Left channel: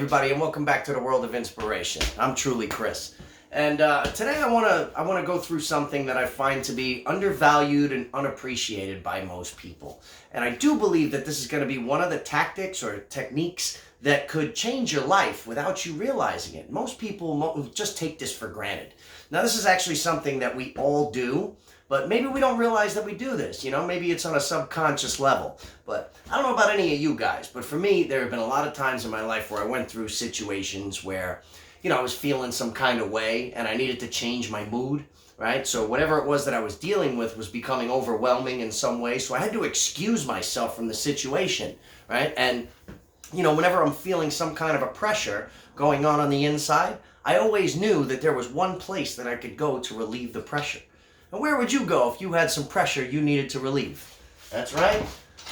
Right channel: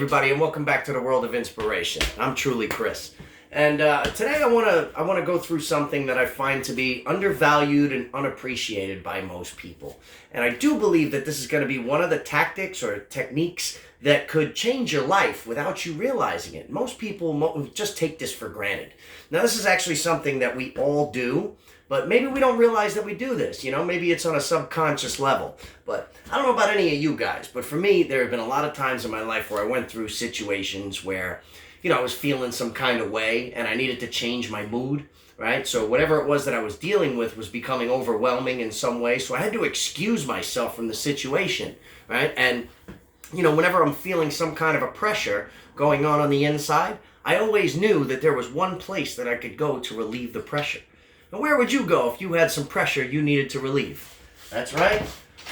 everybody, and welcome back to the world of inspiration. I'm truly Chris, and today I want to go through something that I find to be undervalued and unappreciated by most people. And I do believe that this is going to be one of the tactics or techniques that could change your life without you realizing it. Most people just take this for granted. Now, this is actually something that we all do, but maybe we don't realize that we do this. You know, maybe it's on a subconscious level. But I don't know about any of you guys, but for me, there have been a lot of times in my life where I went through situations where, you know, I was feeling some kind of way and I needed to change my mood, right? So whatever it was that I was dealing with was becoming overwhelming in some way. So I had to excuse myself from the situation, right? And, you know, whenever I'm feeling some kind of a pressure going on the inside, I always knew that there was one place that I could go to relieve the pressure. And where would you go if you had some pressure you needed to relieve? That's right,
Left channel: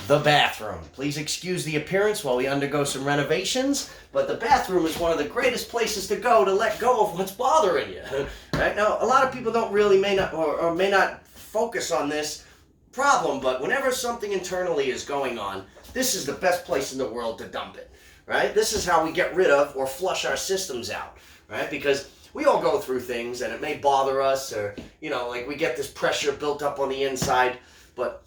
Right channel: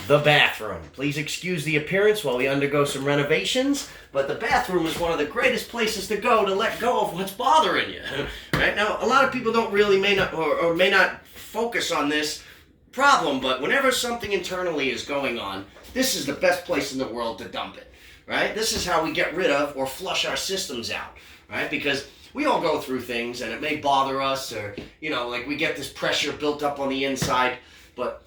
the bathroom. Please excuse the appearance while we undergo some renovations, but the bathroom is one of the greatest places to go to let go of what's bothering you. Right now, a lot of people don't really may not focus on this problem, but whenever something internally is going on, this is the best place in the world to dump it. Right? This is how we get rid of or flush our systems out. Right? Because we all go through things and it may bother us, or, you know, like we get this pressure built up on the inside. But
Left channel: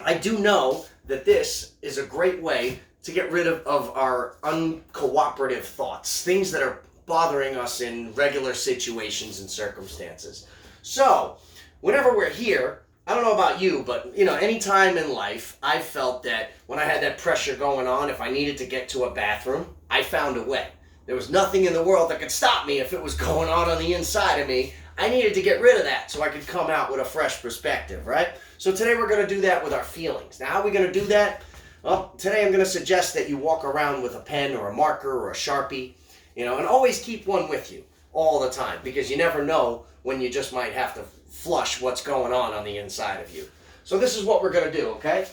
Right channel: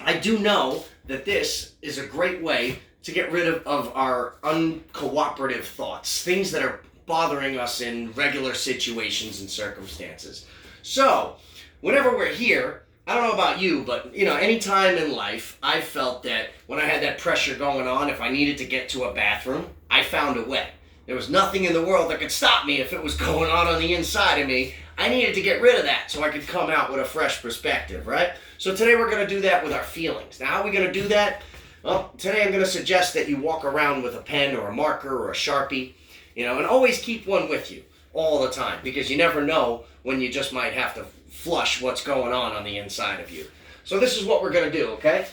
I do know that this is a great way to get rid of our uncooperative thoughts, things that are bothering us in regular situations and circumstances. So, whenever we're here, I don't know about you, but, you know, any time in life, I felt that when I had that pressure going on, if I needed to get to a bathroom, I found a way. There was nothing in the world that could stop me if it was going on the inside of me. I needed to get rid of that so I could come out with a fresh perspective, right? So today we're going to do that with our feelings. Now, how are we going to do that? Well, today I'm going to suggest that you walk around with a pen or a marker or a Sharpie, you know, and always keep one with you all the time, because you never know when you just might have to flush what's going on the inside of you. So this is what we're going to do, okay?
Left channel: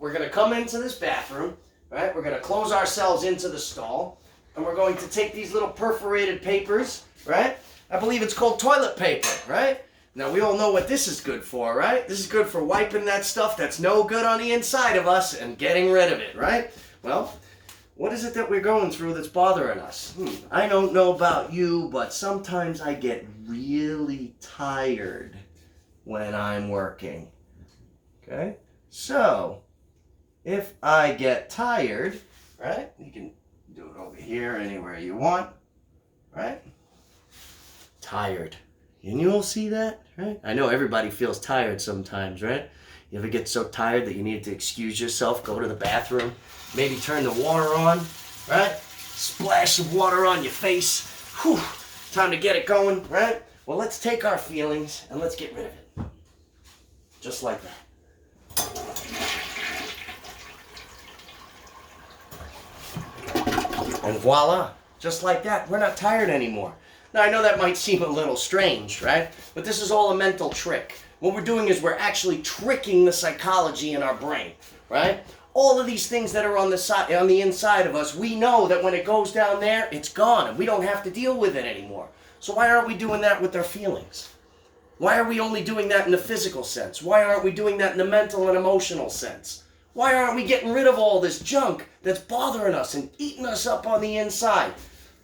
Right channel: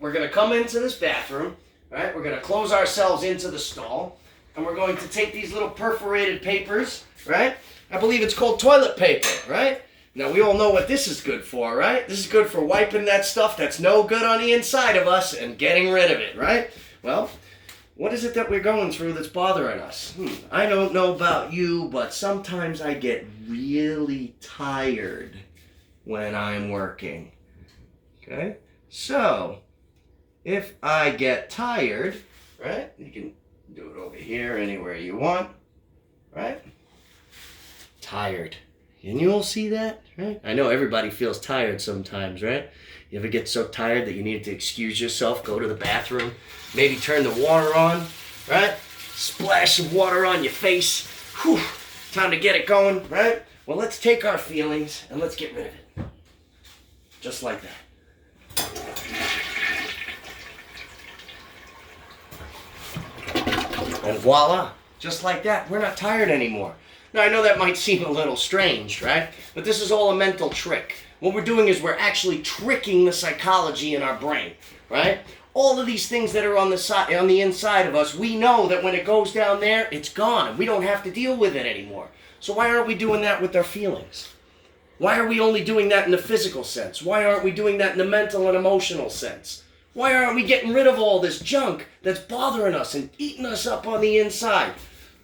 We're going to come into this bathroom, right? We're going to close ourselves into the stall. And we're going to take these little perforated papers, right? I believe it's called toilet paper, right? Now, we all know what this is good for, right? This is good for wiping that stuff that's no good on the inside of us and getting rid of it, right? Well, what is it that we're going through that's bothering us? I don't know about you, but sometimes I get really tired when I'm working, okay? So, if I get tired, right, you can do it over here, anywhere you want, right? Tired. And you all see that, right? I know everybody feels tired sometimes, right? You ever get so tired that you need to excuse yourself, go to the bathroom, maybe turn the water on, right? Splash some water on your face. Whew, time to get it going, right? Well, let's take our feelings and let's get rid of it. Just like that. And voila, just like that, we're not tired anymore. Now, I know that might seem a little strange, right? But this is all a mental trick. What we're doing is we're actually tricking the psychology in our brain, right? All of these things that are on the inside of us, we know that when it goes down there, it's gone, and we don't have to deal with it anymore. So why aren't we doing that with our feelings? Why are we only doing that in the physical sense? Why aren't we doing that in the mental and emotional sense? Why aren't we getting rid of all this junk that's bothering us and eating us up on the inside?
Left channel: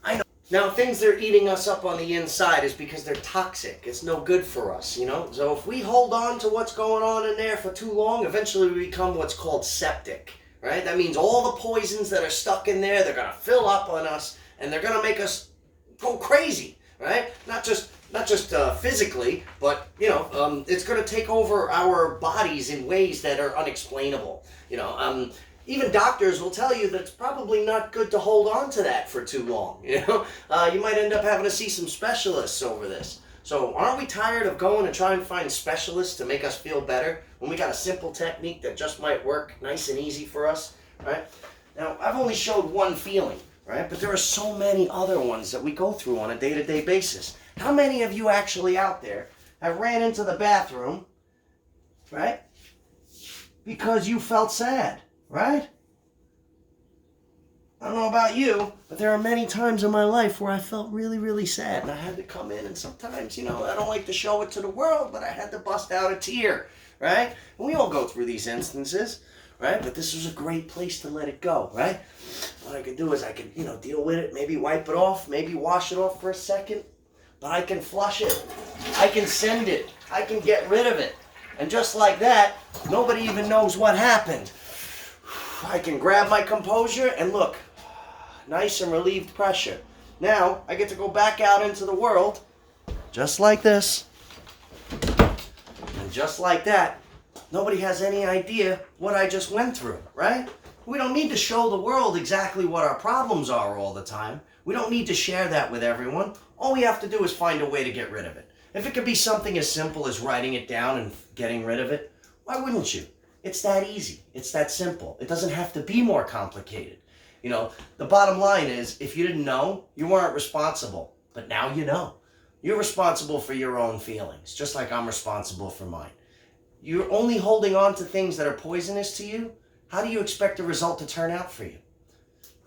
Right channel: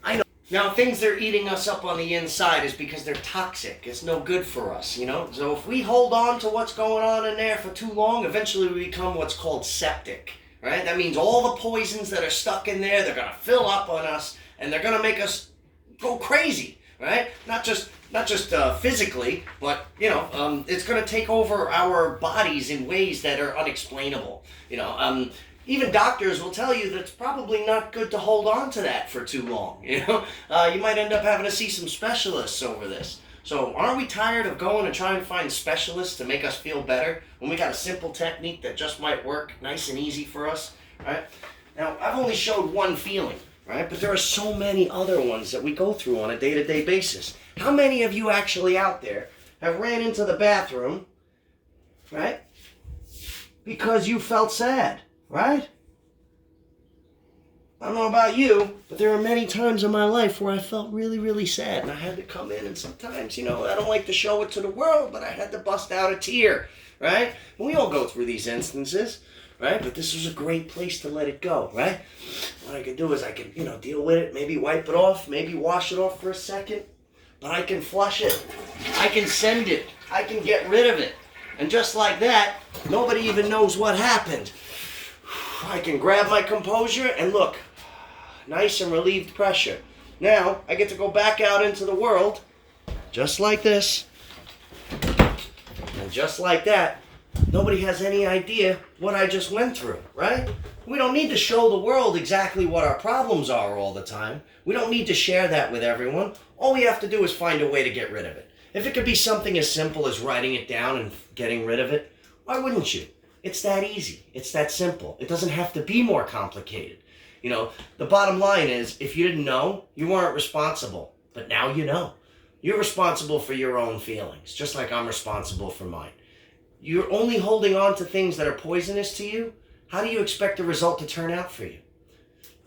I know. Now, things that are eating us up on the inside is because they're toxic. It's no good for us, you know? So if we hold on to what's going on in there for too long, eventually we become what's called septic, right? That means all the poisons that are stuck in there, they're going to fill up on us, and they're going to make us go crazy, right? Not just physically, but, you know, it's going to take over our bodies in ways that are unexplainable. You know, even doctors will tell you that it's probably not good to hold on to that for too long. You know, you might end up having to see some specialists over this. So aren't we tired of going and trying to find specialists to make us feel better when we got a simple technique that just might work nice and easy for us, right? Now, I've only showed one feeling, right? But there are so many other ones that we go through on a day-to-day basis. How many of you actually out there have ran into the bathroom, right, because you felt sad, right? I don't know about you, but there are many times in my life where I felt really, really sad, and I had to come in, and sometimes, you know, I don't like to show it to the world, but I had to bust out a tear, right? And we all go through these instances. right? But this was a great place to let it go, right? What I can do is I can, deal with it, maybe wipe it off, maybe wash it off for a second, but I can flush it. I can send it. I can get rid of it. And just like that, nobody even knows what happened. I can grab my composure and look, nice and relieved pressure. Now, I get to go back out into the world, just like this, and just like that. Nobody has any idea what I just went through, right? We don't need to show the world exactly what our problems are all the time. We don't need to share that with everyone. All we have to do is find a way to get rid of it. If it could be something as simple as writing it down and getting rid of it, why wouldn't you? It's that easy. It's that simple. It doesn't have to be more complicated. The bottom line is, if you didn't know, you weren't responsible. But now you know. You're responsible for your own feelings, just like I'm responsible for mine. You're only holding on to things that are poisonous to you. How do you expect the result to turn out for you?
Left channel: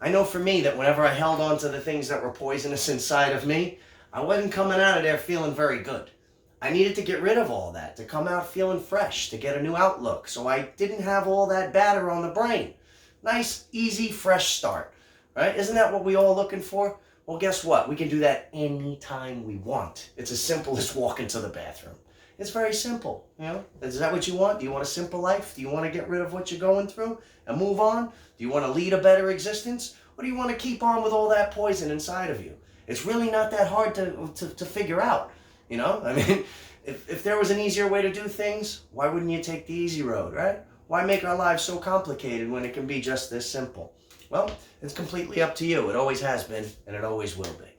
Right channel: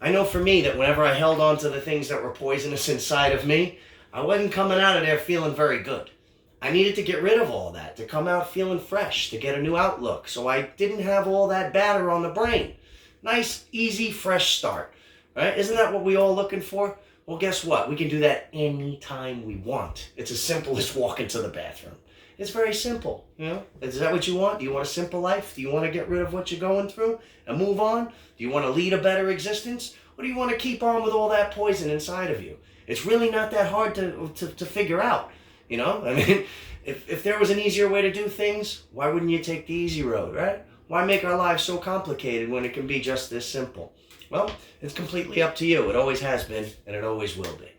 I know for me that whenever I held on to the things that were poisonous inside of me, I wasn't coming out of there feeling very good. I needed to get rid of all that, to come out feeling fresh, to get a new outlook, so I didn't have all that batter on the brain. Nice, easy, fresh start, right? Isn't that what we all looking for? Well, guess what? We can do that anytime we want. It's as simple as walking to the bathroom. It's very simple, Is that what you want? Do you want a simple life? Do you want to get rid of what you're going through and move on? Do you want to lead a better existence? Or do you want to keep on with all that poison inside of you? It's really not that hard to figure out, I mean, if there was an easier way to do things, why wouldn't you take the easy road, right? Why make our lives so complicated when it can be just this simple? Well, it's completely up to you. It always has been, and it always will be.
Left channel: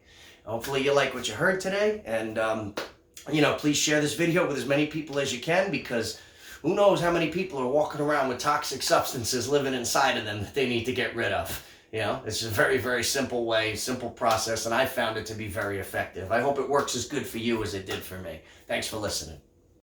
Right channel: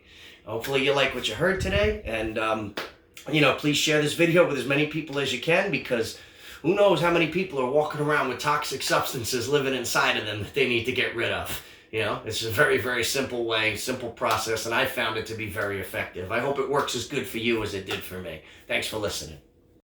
Hopefully you like what you heard today, and please share this video with as many people as you can, because who knows how many people are walking around with toxic substances living inside of them that they need to get rid of. It's a very, very simple way, simple process, and I found it to be very effective. I hope it works as good for you as it did for me. Thanks for listening.